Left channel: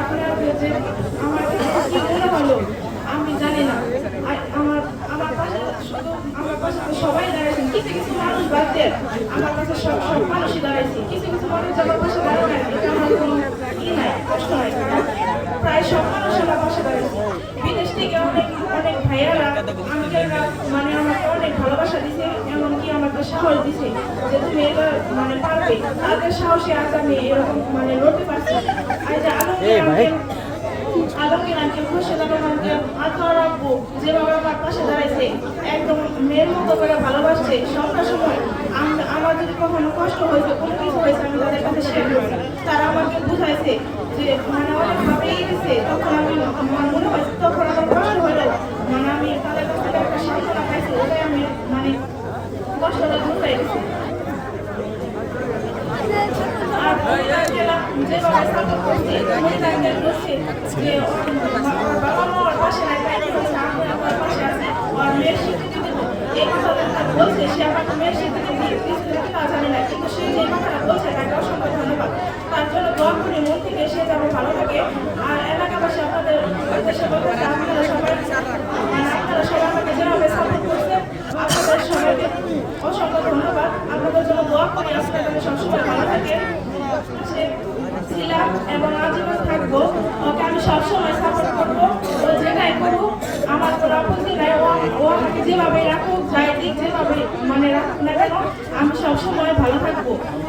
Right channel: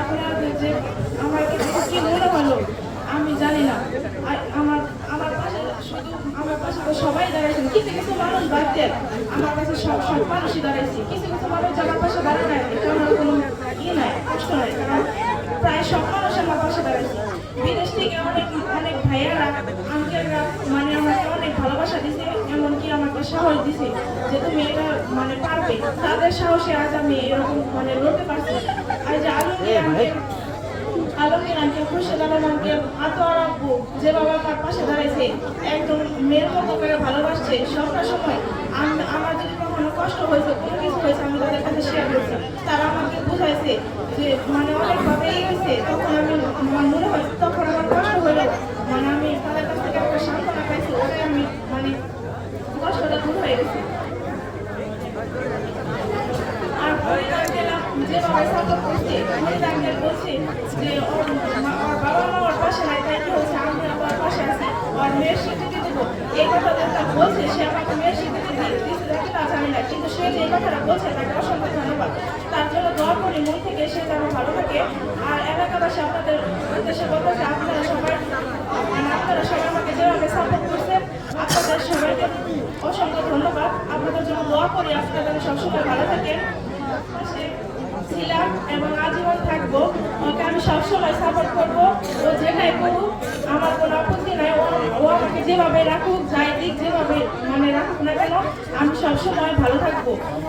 আপনারা যে- আমার কি আমি জানি না। আমার আমার পাশে শুধু আমার পাশে তো সবাই দাঁড়াইছেন। কিছু কিছু আমার কাছে সব সব মানুষই দাঁড়াইছে। কিছু কিছু মানুষ কোনো ই নাই, কষ্ট নাই। প্রায় সব মানুষ আমার পাশে বিদেশ থেকে অনেক অনেক ভাইয়ারা আঙ্কেলরা মানে আমাকে অনেক ভালোবাসা দিছে, এমনকি আমাকে সাহস দিছে যে তুমি এটা মানে তাদের সাহসে আজ আমি এরকম মানে লড়তে পারছি। আর যে আলমগীর আঙ্কেল খুরশেদ আলম আঙ্কেল আতোয়ার আব্বু যেভাবে আমার পাশে দাঁড়াইছে একদম মেয়ের মতো করে ভালোবাসছে সবটা সময় আমার যদি কখনো কষ্ট হয়েছে কোনো কিছু হয়েছে আমি তাদের কাছে শেয়ার করছি। তারা আমাকে বুঝাইছে যে মানে অনেকভাবে দিছে তখন আমি আমার মনে হয় তখন আমার কষ্ট হলো মানে আমি তাদের কাছ থেকে একটা সান্ত্বনা পাইছি ওটাই আমি মানে কষ্টটা দূর হয়ে গেছে আর মহিলাকেরা যেভাবে সাপোর্ট করছে মহিলাকে বলছে কি আমি আমার মেয়ের স্বীকৃতি সে দিয়ে দিয়েছে নাকি তা জানি না কিন্তু সে কথাটা বলছে তাকে অসংখ্য ধন্যবাদ তার জন্য দোয়া করি মন থেকে সে যেন ভালো থাকে আর এলাকাবাসী আপনাদের উদ্দেশ্যে বলতে চাই আপনারা সবাই আপনারা সবাই আমাকে যেভাবে সাপোর্ট করছেন অসংখ্য ধন্যবাদ। আপনাদের জন্য দোয়া করি, আপনারা যেন সবসময় ভালো পাশে ছিলাম এবং আজীবন থাকব ওকে আমি সবসময় সাপোর্ট করব ও যেটাই করুক আমার কোনো আপত্তি নাই ও ও আমাকে যেভাবে রাখুক যাই দিক যেভাবে মানে রাখুক না কেন আমি সবসময় ভালো থাকব।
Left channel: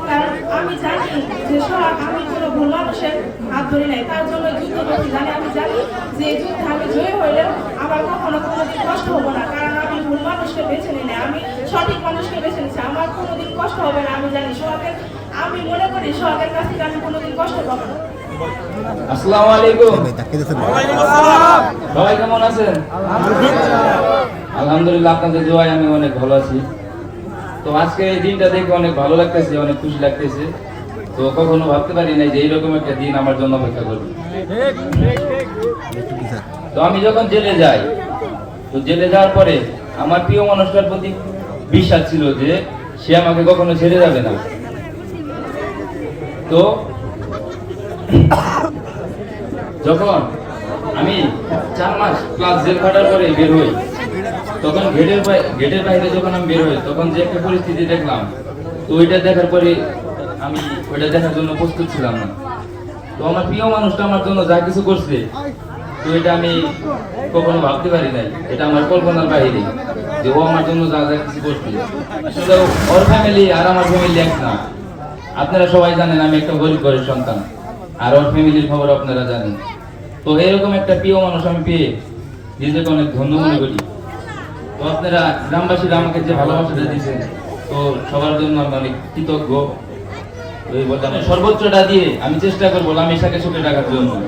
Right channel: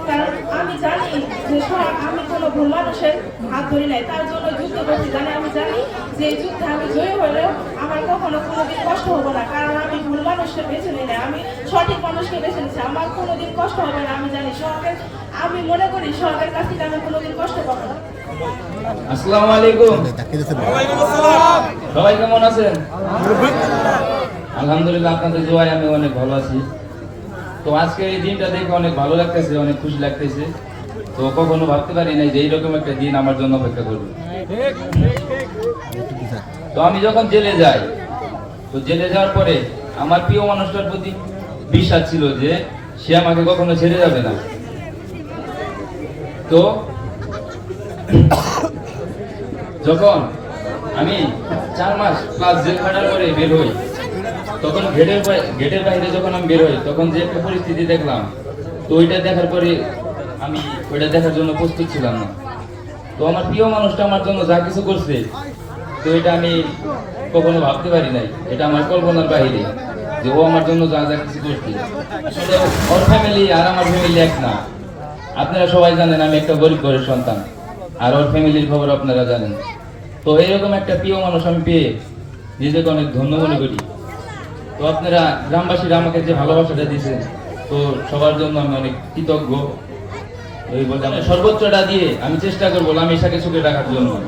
কারণ আমি জানি যে সব- আমি কোনো ভুল মানুষের হাত ধরি নাই। তার জন্য যুদ্ধ করছি জানি আমি জানি যে এই যুদ্ধে আমি জয়ী হলেও আমার কখনো কোনোদিন কষ্ট হবে না। কারণ আমি ভুল মানুষকে বেছে নিই না আমি সঠিক মানুষকে বেছে নিচ্ছি আমার কোনোদিন কষ্ট হবে না আমি জানি সরকার আমি মনে করি সরকারের কাছ থেকে আমি কোনোদিন কষ্ট পাবো না। আসসালামু আলাইকুম। সবাই কেমন আছেন? আলহামদুলিল্লাহ, আপনাদের দোয়ায় আমি অনেক ভালো আছি। তো আজকে এই দিনটা দেখে অনেক ভালো লাগতেছে, অনেক খুশি লাগতেছে। তো কখনো ভাবতে পারি নাই যে এইরকম একটা দিন আমার জন্য অপেক্ষা করবে। তো আমি যখন জেলে যাই, তো জেলে যাওয়ার পরে আমার প্রিয় মানুষটার প্রতি বিশ্বাস ছিল যে সে আমাকে কখনো ছেড়ে যাবে না। তো যখন আমি চার মাস ক্লাস জেল খাটার পরে বের হই তখন গেটের গেটের বাইরে যখন আমি বের হই, তখন যে একটা পরিস্থিতি দেখলাম, তো ওইটা দেখার পরে আমি ওইটা দেখার জন্য প্রস্তুত ছিলাম না। তো আমার প্রিয় মানুষটা আমার জন্য যা কিছু করছে, তো এটা আমি কখনো ভাবতে পারি নাই। এটা আমার কল্পনার বাইরে যে ও আমার জন্য যা যা কিছু করছে। আসলে ওর ফ্যামিলি আর আমার ফ্যামিলি এক না। আপনারা সবাই জানেন আমি একটা গরিব ঘরের সন্তান, আর ওর ফ্যামিলির খবর আপনারা জানেন। তো এরকম একটা প্রিয় মানুষ আমি পেয়ে নিজেকে অনেক ধন্য মনে করি। তো আপনারা গ্রামবাসীরা আমাকে যে ভালোবাসাটা দিয়েছেন, তো সবার জন্য আমি অনেক কৃতজ্ঞ। এই বলতে সর্বোচ্চটা দিয়ে আমি চেষ্টা করব লামিসাকে সুখে রাখার জন্য।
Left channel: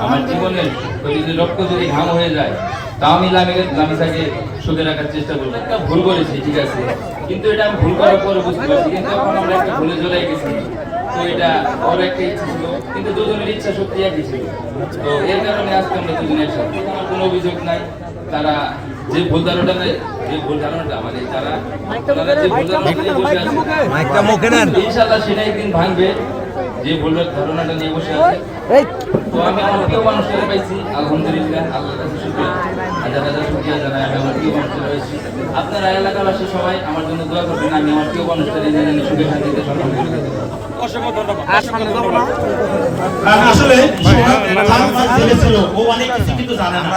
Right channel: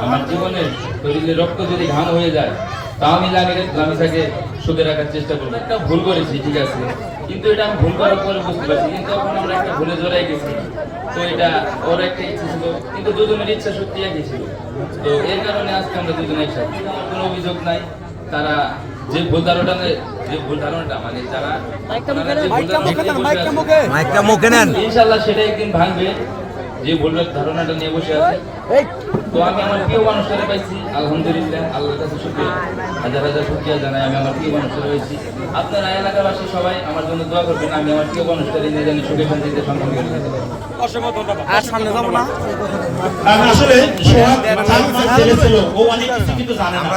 আমার জীবনের শরীরে রক্ত যদি ঘাম হয়ে যায়, তা আমি লামি- লামিসাকে সুখে রাখার চেষ্টা করব। একটা ভুল করেছি, ঠিক আছে? কিন্তু এটা আমি ভুল করার পরে বুঝতে পারছি, কিন্তু এখন আমরা একটা ভুলে জড়াই গেছি। তো এটা ওর একটা ইচ্ছে ছিল, কিন্তু দুজনের ইচ্ছা শক্তি একই ছিল। তো এর কারণে আজকে আমরা দুজনে একসাথে। আমার কোনো অভিযোগ নাই, তারা যে ভুল ধারণাটা যে ভুল ধারণাটা মানে যারা ওনারা যে ভুল ধারণা বসে আছে মাইকটা মুখে নেন ইনশাল্লাহ সেটা একদিন ভাঙবে। যে ভুল ধারণাটা নিয়ে বসে আছে। তো আমি আমার প্রিয় মানুষেরা পাইছি। আলহামদুলিল্লাহ আল্লাহর কাছে শুক্রিয়া। হাজার হাজার শুক্রিয়া জানাই আমি আমার প্রিয় মানুষেরা পাইছি। আপনারা এলাকাবাসী সবাই আমার জন্য দোয়া করবেন আমি আমার প্রিয় মানুষদের নিয়ে জানি সুখে শান্তিতে সম্মান করে যেতে পারি। আর আসলে সোহাগ চার মাস জেলে ছিল ও অনেক কিছু কিন্তু জানে না।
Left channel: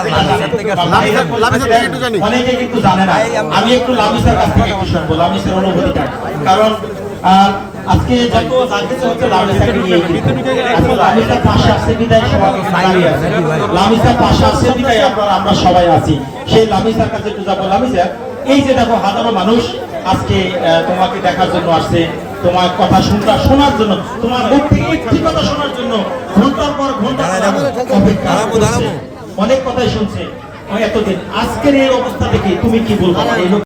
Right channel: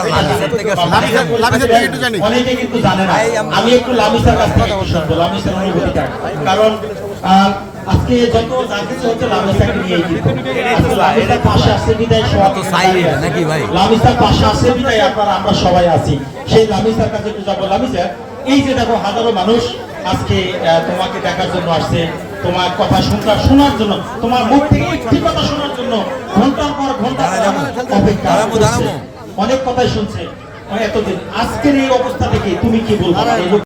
লামিসা- লামিসা থেকে অনেকে কিন্তু জানে না। আমি একটু লামিসার কাছ থেকে একটু শুনব লামিসার অনুভূতিটা। কারণ আজকে যত যা কিছু হচ্ছে লামিসাকে নিয়ে। আজকে লামিসার পাশে আসছে বিদায় দাঁড়িয়ে আছে। লামিসার পাশে আসছে বিদায় আপনারা আমরা সবাই আছি। সেই লামিসার কাছে একটু যাব। লামিসা এই যে দেখো হাজারো মানুষ আজকে তোমাকে দেখার জন্য আসছে। তোমার কথা শুনটা শোনার জন্য তোমার মুখ থেকে একটি কথা শোনার জন্য ঘণ্টার পর ঘণ্টা অপেক্ষা অনেক কথাই শুনছে। এতদিন। আজকের এই অবস্থা থেকে তুমি কি বলব?